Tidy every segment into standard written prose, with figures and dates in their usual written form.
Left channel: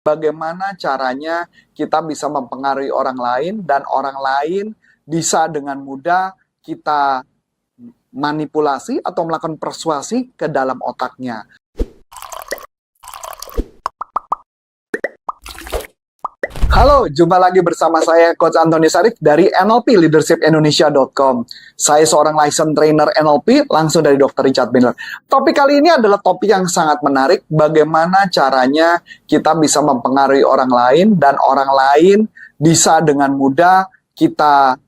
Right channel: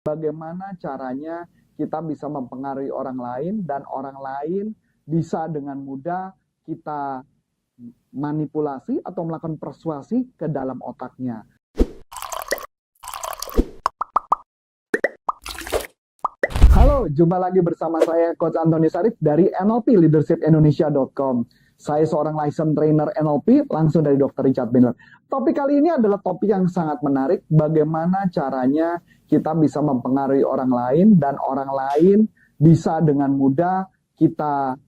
Bagaimana caranya kita bisa mempengaruhi orang lain dan orang lain bisa dengan mudah kita manipulasi atau melakukan persuasi ke dalam otaknya. Halo, jumpa lagi bersama saya Coach Antoni Sarif dari NLPleadershipindonesia.com. Saya seorang licensed trainer NLP langsung dari Dr. Richard Bandler. Topik kali ini adalah topik yang sangat menarik, bagaimana caranya kita bisa mempengaruhi orang lain dan orang lain bisa dengan mudah kita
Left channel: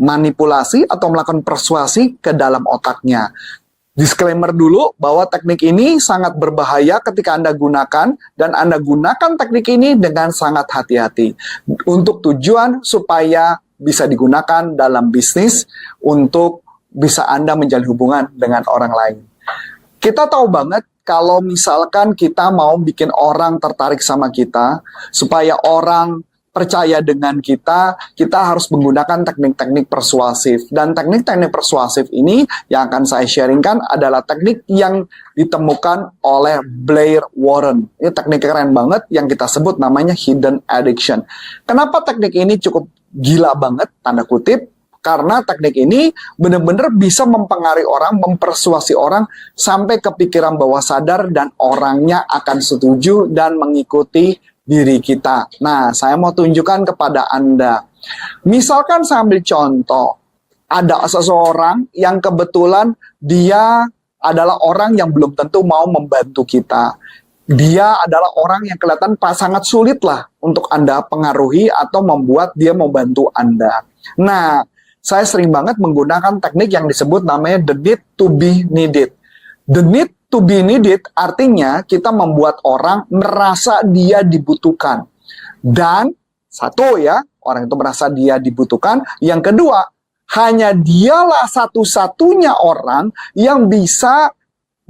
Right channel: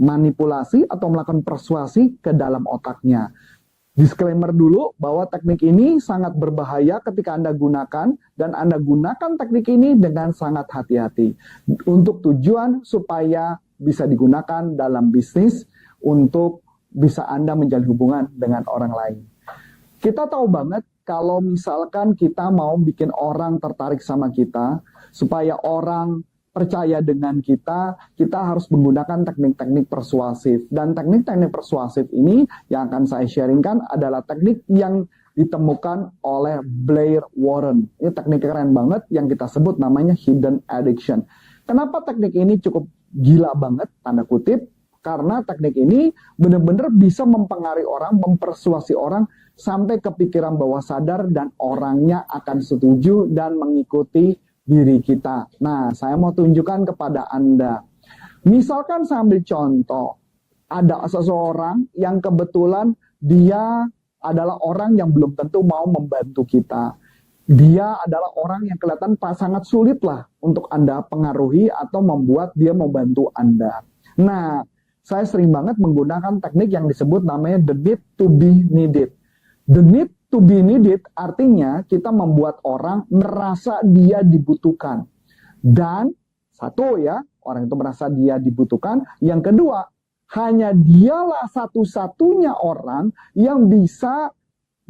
manipulasi atau melakukan persuasi ke dalam otaknya. Disclaimer dulu bahwa teknik ini sangat berbahaya ketika Anda gunakan dan Anda gunakan teknik ini dengan sangat hati-hati untuk tujuan supaya bisa digunakan dalam bisnis untuk bisa Anda menjalin hubungan dengan orang lain. Kita tahu banget kalau misalkan kita mau bikin orang tertarik sama kita, supaya orang percaya dengan kita harus menggunakan teknik-teknik persuasif. Dan teknik-teknik persuasif ini yang akan saya sharingkan adalah teknik yang ditemukan oleh Blair Warren. Ini teknik keren banget yang kita sebut namanya hidden addiction. Kenapa teknik ini cukup gila banget, tanda kutip? Karena teknik ini benar-benar bisa mempengaruhi orang, mempersuasi orang sampai kepikiran bawah sadar dan orangnya akan setuju dan mengikuti diri kita. Nah, saya mau tunjukkan kepada Anda. Misalkan saya ambil contoh, ada seseorang yang kebetulan dia adalah orang yang belum tentu mau membantu kita. Dia adalah orang yang kelihatan sangat sulit lah untuk Anda pengaruhi atau membuat dia mau bantu Anda. Nah, saya sering banget menggunakan teknik yang disebut namanya the need to be needed. The need to be needed artinya kita membuat orang merasa dia dibutuhkan. Dan satu ya, orang itu merasa dia dibutuhkan. Yang kedua, hanya dialah satu-satunya orang yang bisa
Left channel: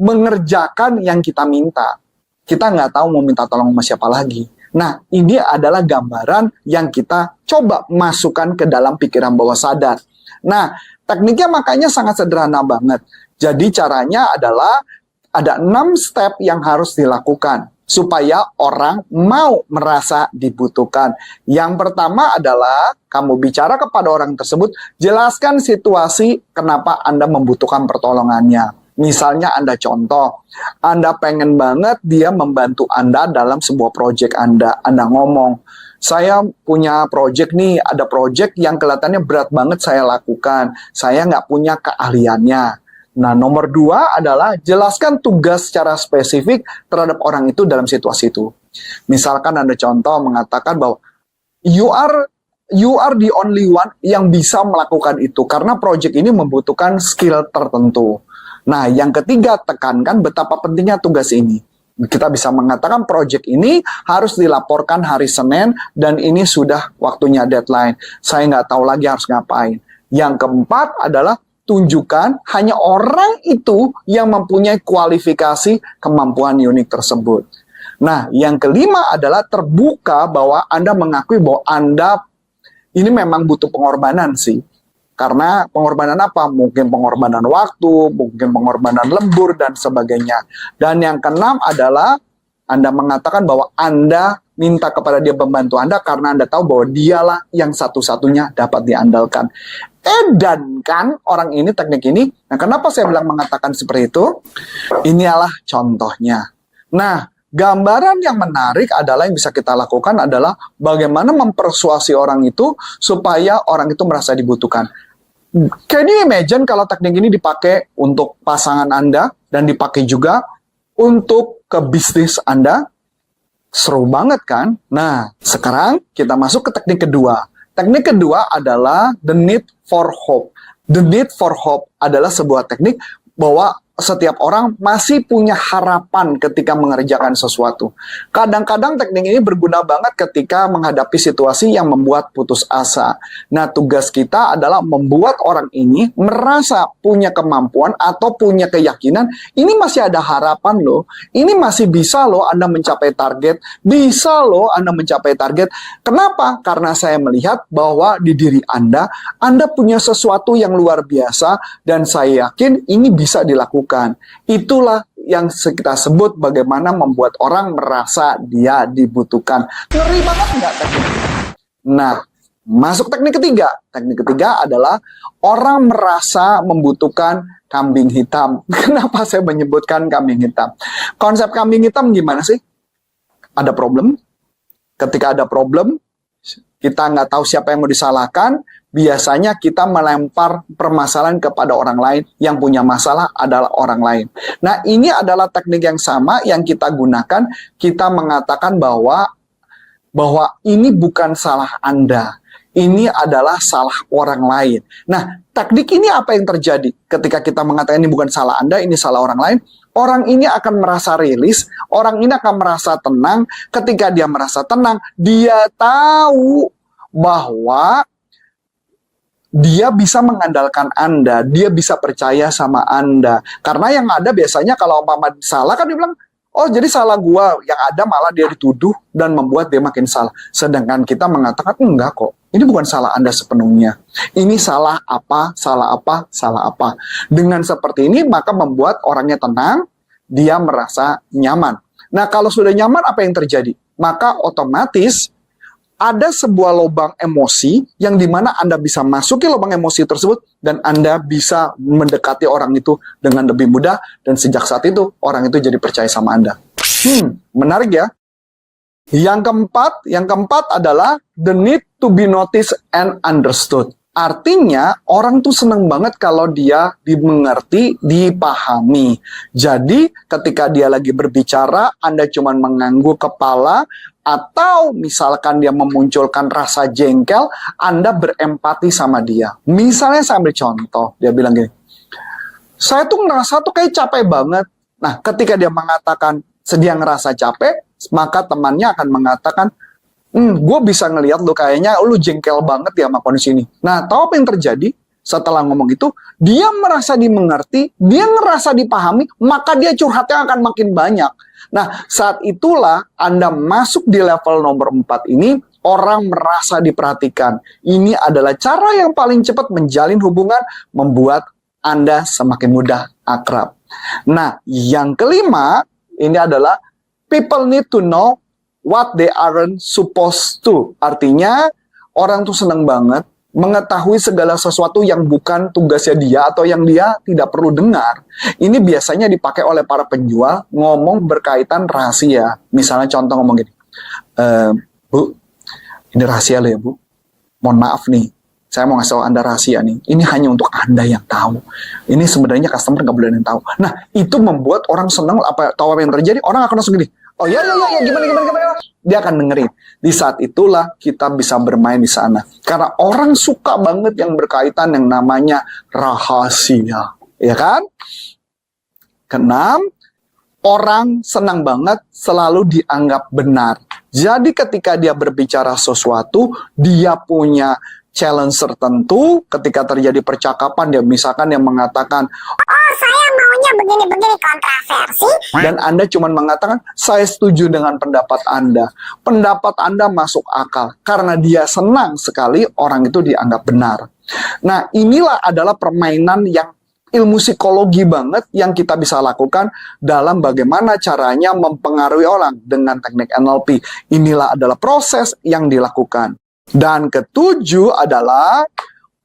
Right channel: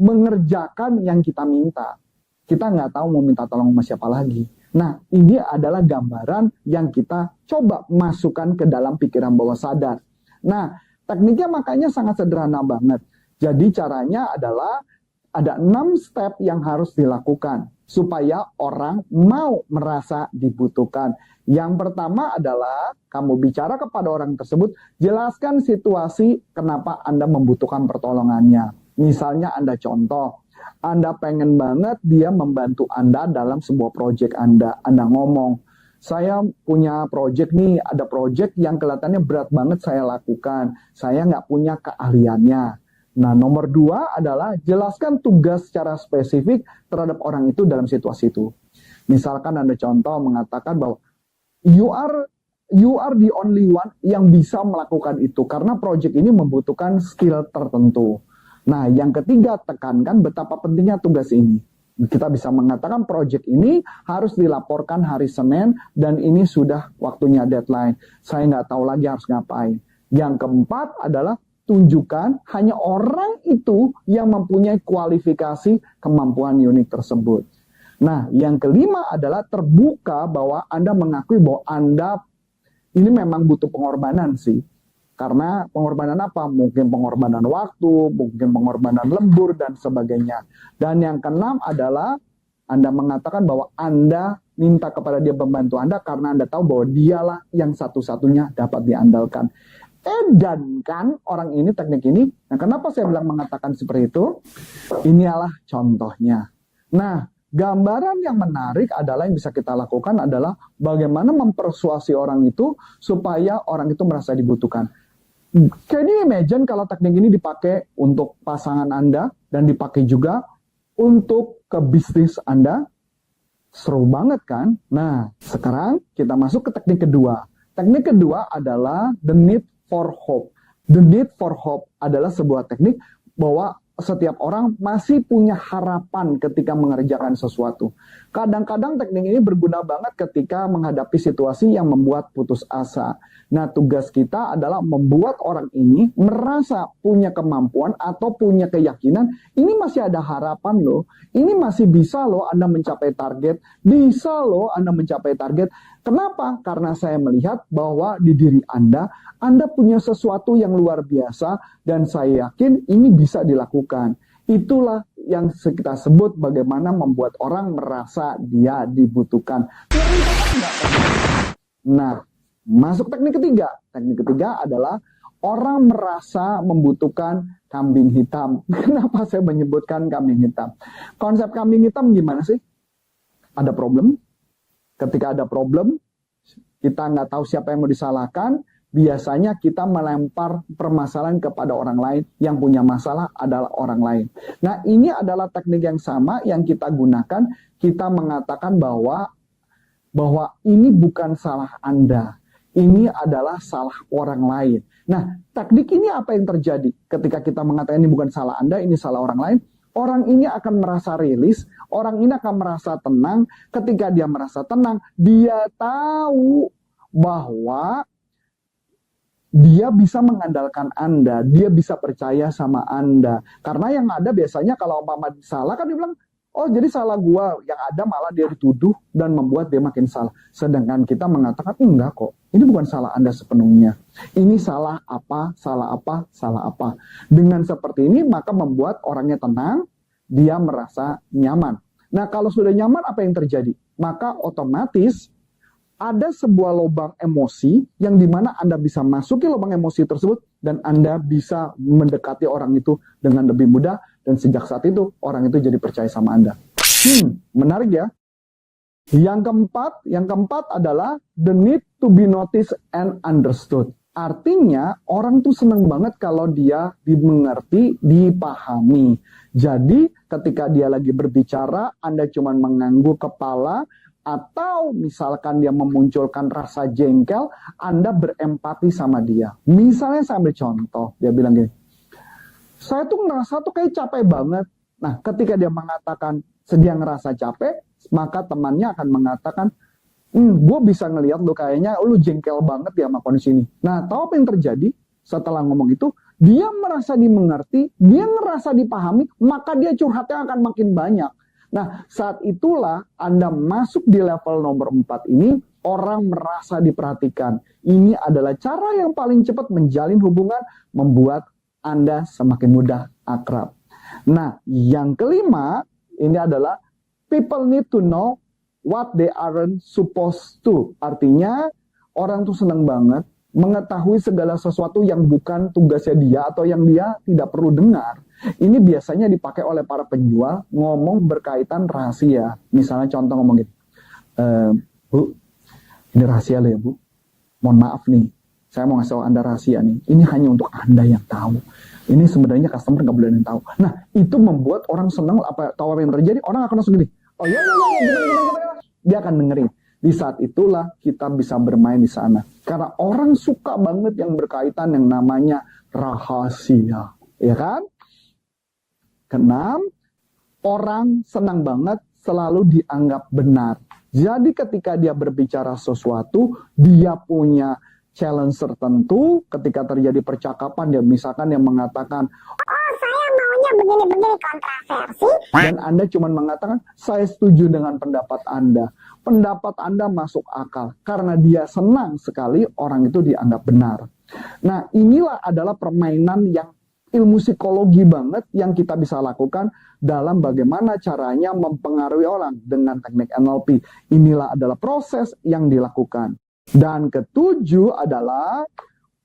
mengerjakan yang kita minta. Kita nggak tahu mau minta tolong sama siapa lagi. Nah, ini adalah gambaran yang kita coba masukkan ke dalam pikiran bawah sadar. Nah, tekniknya makanya sangat sederhana banget. Jadi caranya adalah ada 6 step yang harus dilakukan supaya orang mau merasa dibutuhkan. Yang pertama adalah kamu bicara kepada orang tersebut, jelaskan situasi kenapa Anda membutuhkan pertolongannya. Misalnya Anda contoh, Anda pengen banget dia membantu Anda dalam sebuah proyek Anda. Anda ngomong, saya punya proyek nih, ada proyek yang kelihatannya berat banget saya lakukan. Saya nggak punya keahliannya. Nah, nomor 2 adalah jelaskan tugas secara spesifik terhadap orang itu dalam situasi itu. Misalkan Anda contoh mengatakan bahwa you are the only one yang bisa melakukan itu karena proyek ini membutuhkan skill tertentu. Nah, yang ketiga, tekankan betapa pentingnya tugas ini. Kita bisa mengatakan proyek ini harus dilaporkan hari Senin dan ini sudah waktunya deadline. Saya nggak tahu lagi harus ngapain. Yang keempat adalah tunjukkan hanya orang itu yang mempunyai kualifikasi kemampuan unik tersebut. Nah, yang kelima adalah terbuka bahwa Anda mengakui bahwa Anda ini memang butuh pengorbanan sih. Karena pengorbanan apa? Mungkin pengorbanan waktu, mungkin pengorbanan lembur, dan sebagainya. Dan yang keenam adalah Anda mengatakan bahwa Anda minta kepada dia membantu Anda karena Anda tahu bahwa dialah yang satu-satunya dapat diandalkan. Edankan orang ini teknik ini. Nah, kenapa saya bilang mengatakan seperti itu? Inilah contohnya. Nah, gambaran yang menarik adalah yang bisa kita lakukan adalah bagaimana mempersuasi orang itu supaya orang itu merasa dibutuhkan. Can you imagine kalau teknik ini dipakai untuk pasangan Anda dan dipakai juga untuk ke bisnis Anda? Seru banget kan? Nah, sekarang kita masuk ke teknik kedua. Teknik kedua adalah the need for hope. The need for hope adalah sebuah teknik bahwa setiap orang masih punya harapan ketika mengerjakan sesuatu. Kadang-kadang teknik ini berguna banget ketika menghadapi situasi yang membuat putus asa. Nah, tugas kita adalah membuat orang ini merasa punya kemampuan atau punya keyakinan, ini masih ada harapan loh. Ini masih bisa loh Anda mencapai target. Bisa loh Anda mencapai target. Kenapa? Karena saya melihat bahwa di diri Anda punya sesuatu yang luar biasa dan saya yakin ini bisa dilakukan. Itulah yang kita sebut bagaimana membuat orang merasa dia dibutuhkan. Ngeri banget nggak? Nah, masuk teknik ketiga. Teknik ketiga adalah orang merasa membutuhkan kambing hitam. Kenapa saya menyebutkan kambing hitam? Konsep kambing hitam gimana sih? Ada problem. Ketika ada problem, kita nggak tahu siapa yang mau disalahkan. Biasanya kita melempar permasalahan kepada orang lain. Yang punya masalah adalah orang lain. Nah, ini adalah teknik yang sama yang kita gunakan. Kita mengatakan bahwa ini bukan salah Anda. Ini adalah salah orang lain. Nah, teknik ini apa yang terjadi? Ketika kita mengatakan ini bukan salah Anda, ini salah orang lain, orang ini akan merasa rilis, orang ini akan merasa tenang. Ketika dia merasa tenang, dia tahu bahwa dia bisa mengandalkan Anda, dia bisa percaya sama Anda. Karena yang ada biasanya kalau umpama salah kan dia bilang, oh jadi salah gua, yang ada malah dia dituduh dan membuat dia makin salah. Sedangkan kita mengatakan, enggak kok, ini bukan salah Anda sepenuhnya. Ini salah apa, salah apa, salah apa. Dengan seperti ini maka membuat orangnya tenang, dia merasa nyaman. Nah kalau sudah nyaman apa yang terjadi? Maka otomatis ada sebuah lubang emosi yang dimana Anda bisa masuki lubang emosi tersebut dan Anda bisa mendekati orang itu dengan lebih mudah dan sejak saat itu orang itu jadi percaya sama Anda. Menarik ya. Yang keempat adalah the need to be noticed and understood. Artinya orang tuh seneng banget kalau dia dimengerti, dipahami. Jadi ketika dia lagi berbicara, Anda cuma mengangguk kepala, atau misalkan dia memunculkan rasa jengkel, Anda berempati sama dia. Misalnya saya ambil contoh, dia bilang gini, saya tuh ngerasa tuh kayak capek banget. Nah, ketika dia mengatakan dia ngerasa capek, maka temannya akan mengatakan, gue bisa ngelihat lu kayaknya lu jengkel banget ya sama kondisi ini. Nah, tahu apa yang terjadi? Setelah ngomong itu, dia merasa dimengerti, dia ngerasa dipahami, maka dia curhatnya akan makin banyak. Nah, saat itulah Anda masuk di level nomor 4 ini, orang merasa diperhatikan. Ini adalah cara yang paling cepat menjalin hubungan, membuat Anda semakin mudah akrab. Nah, yang kelima, ini adalah people need to know what they aren't supposed to. Artinya, orang tuh seneng banget mengetahui segala sesuatu yang bukan tugasnya dia atau yang dia tidak perlu dengar. Ini biasanya dipakai oleh para penjual ngomong berkaitan rahasia. Misalnya contoh ngomong gini, Bu, ini rahasia loh ya Bu. Mohon maaf nih, saya mau ngasih tahu Anda rahasia nih. Ini hanya untuk Anda yang tahu. Ini sebenarnya customer nggak boleh yang tahu. Nah, itu membuat orang senang. Tahu apa yang terjadi? Orang akan langsung gini, oh ya, gimana. Dia akan dengerin. Di saat itulah kita bisa bermain di sana. Karena orang suka banget yang berkaitan yang namanya rahasia. Ya kan? Keenam, orang senang banget selalu dianggap benar. Jadi ketika dia berbicara sesuatu, dia punya challenge tertentu. Ketika terjadi percakapan, dia misalkan yang mengatakan, oh saya maunya begini-begini kontroversi. Dan Anda cuma mengatakan, saya setuju dengan pendapat Anda. Pendapat Anda masuk akal. Karena dia senang sekali orang itu dianggap benar. Nah, inilah adalah permainan yang ilmu psikologi banget yang kita bisa lakukan dalam bagaimana caranya mempengaruhi orang dengan teknik NLP. Inilah adalah proses yang dilakukan. Dan ketujuh adalah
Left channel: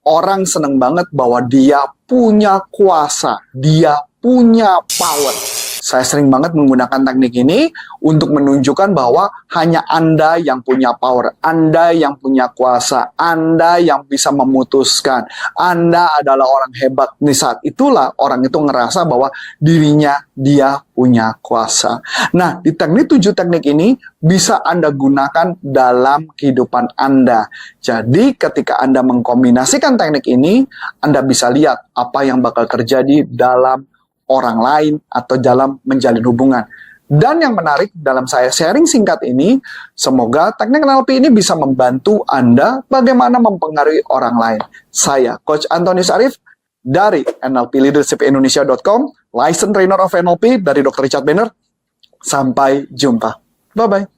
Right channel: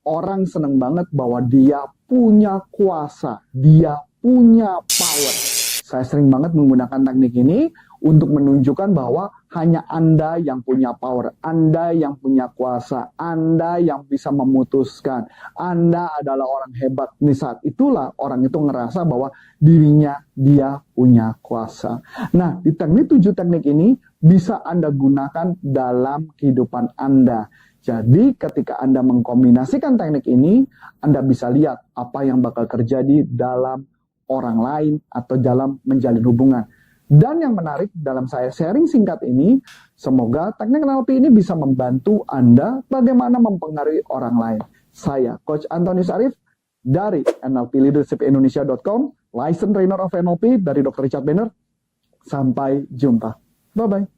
orang seneng banget bahwa dia punya kuasa, dia punya power. Saya sering banget menggunakan teknik ini untuk menunjukkan bahwa hanya Anda yang punya power, Anda yang punya kuasa, Anda yang bisa memutuskan. Anda adalah orang hebat. Di saat itulah orang itu ngerasa bahwa dirinya dia punya kuasa. Nah, di teknik 7 teknik ini bisa Anda gunakan dalam kehidupan Anda. Jadi ketika Anda mengkombinasikan teknik ini, Anda bisa lihat apa yang bakal terjadi dalam orang lain atau dalam menjalin hubungan. Dan yang menarik dalam saya sharing singkat ini, semoga teknik NLP ini bisa membantu Anda bagaimana mempengaruhi orang lain. Saya Coach Antonius Arif dari NLPleadershipindonesia.com, licensed trainer of NLP dari Dr. Richard Banner. Sampai jumpa. Bye-bye.